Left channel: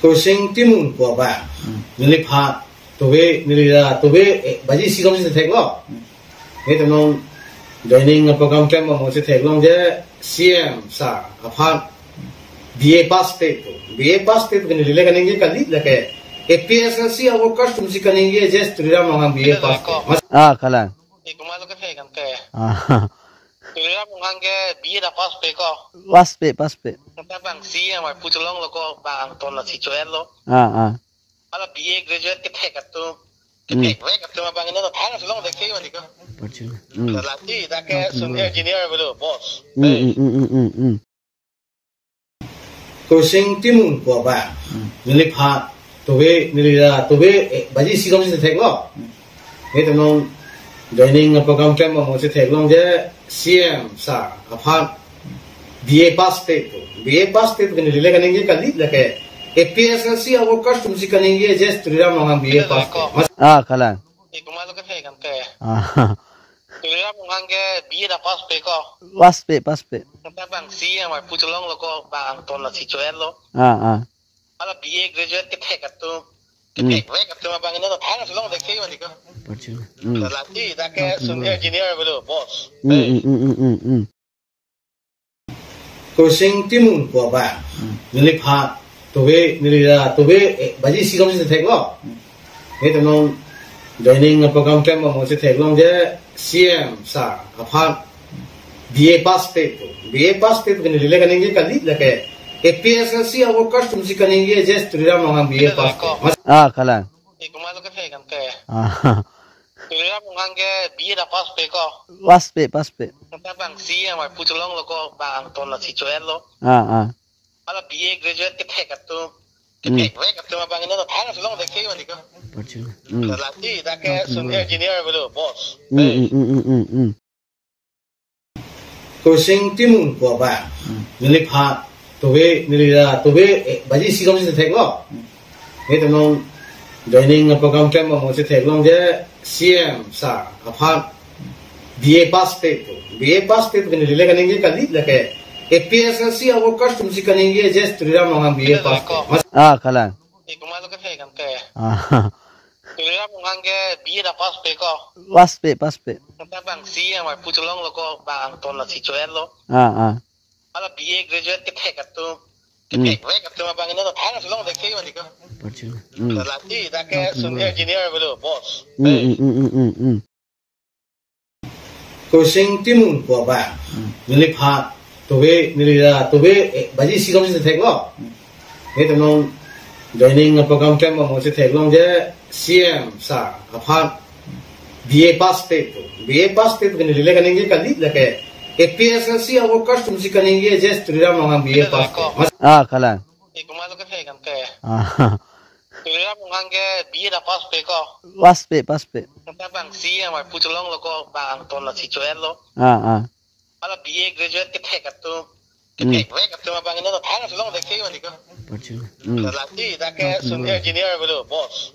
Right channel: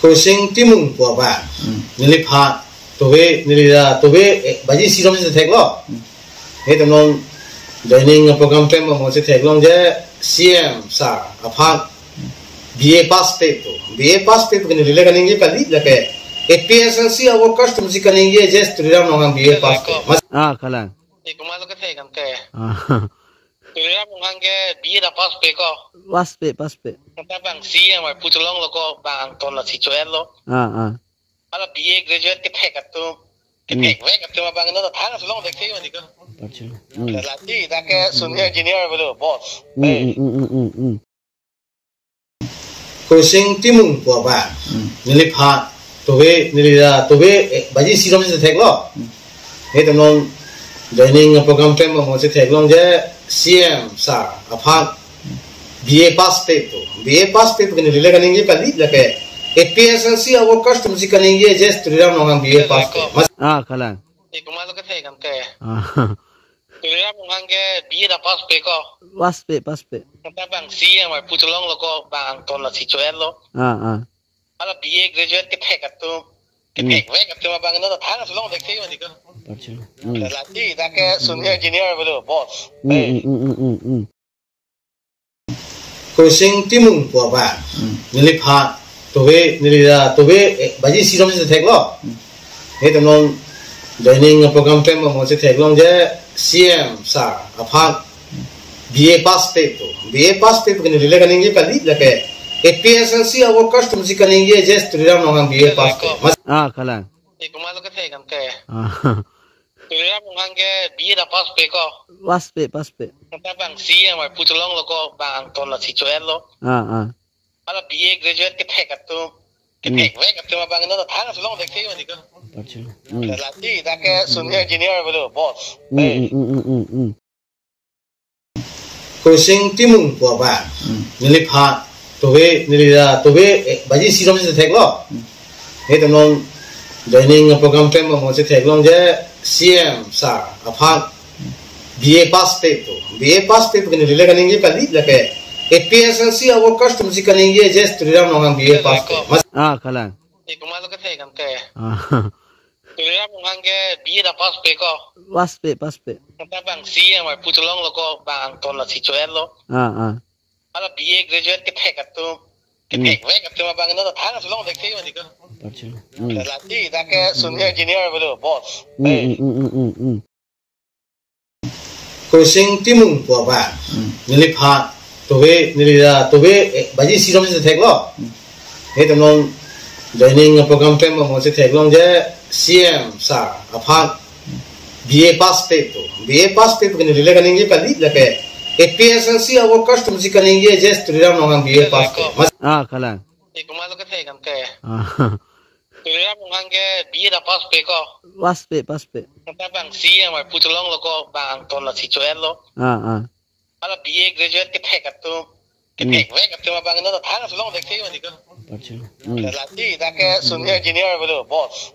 Kursing timung po ba? Nilipha tobe nilida tobe baji sirom se theklo. Ito nong joining program time mo se theklong je CM sa apha BA pass pe to BA pass pe to nilile kaninge kali lake APSLC our custom si kaninge je studiram nong BA pass kalang Kumalo ka thekam ke ah Tuliram ngangge BA da pass pe ko pass pe bang CM ai putulong lo ko bang ton la sichuelo ah ala BA graduate ke thek tu ke ve tu bang na thang long de ke wani ko Percuma. la ti da ke senior engineer bolo boss Kursing timung po ba? Nilipha tobe nilida tobe baji sirom se theklo. Ito nong joining program time mo se theklong je CM sa apha BA pass pe to nilile kaninge kali lake APSLC our custom si kaninge je studiram nong BA pass Kalang Kumalo ka thekam ke ah Tuliram ngangge BA da pass pe ko pass pe bang CM ai putulong lo ko bang ton la sichuelo ah ala BA graduate ke thek tu ke ve tu bang na thang long de ke wani ko Percuma. la ti da ke senior engineer bolo boss Kursing timung po ba? Nilipha tobe nilida tobe baji sirom se theklo. Ito nong joining program time mo se theklong je CM sa apha BA pass pe to nilile kaninge kali lake APSLC our custom si kaninge je studiram nong BA pass Kalang Kumalo ka thekam ke ah Tuliram ngangge BA da pass pe ko pass pe bang CM ai putulong lo ko bang ton la sichuelo ah ala BA graduate ke thek tu ke ve tu bang na thang long de ke wani ko Percuma. la ti da ke senior engineer bolo boss Kursing timung po ba? Nilipha tobe nilida tobe baji sirom se theklo. Ito nong joining program time mo se theklong je CM sa apha BA pass pe to nilile kaninge kali lake APSLC our custom si kaninge je studiram nong BA pass Kalang Kumalo ka thekam ke ah Tuliram ngangge BA da pass pe ko pass pe bang CM ai putulong lo ko bang ton la sichuelo ah ala BA graduate ke thek tu ke ve tu bang na thang long de ke wani ko Percuma. la ti da ke senior engineer bolo boss Kursing timung po ba? Nilipha tobe nilida tobe baji sirom se theklo. Ito nong joining program time mo se theklong je CM sa apha BA pass pe to nilile kaninge kali lake APSLC our custom si kaninge je studiram nong BA pass Kalang Kumalo ka thekam ke ah Tuliram ngangge BA da pass pe ko pass pe bang CM ai putulong lo ko bang ton la sichuelo ah ala BA graduate ke thek tu ke ve tu bang na thang long de ke wani ko Percuma. la ti da ke senior engineer bolo boss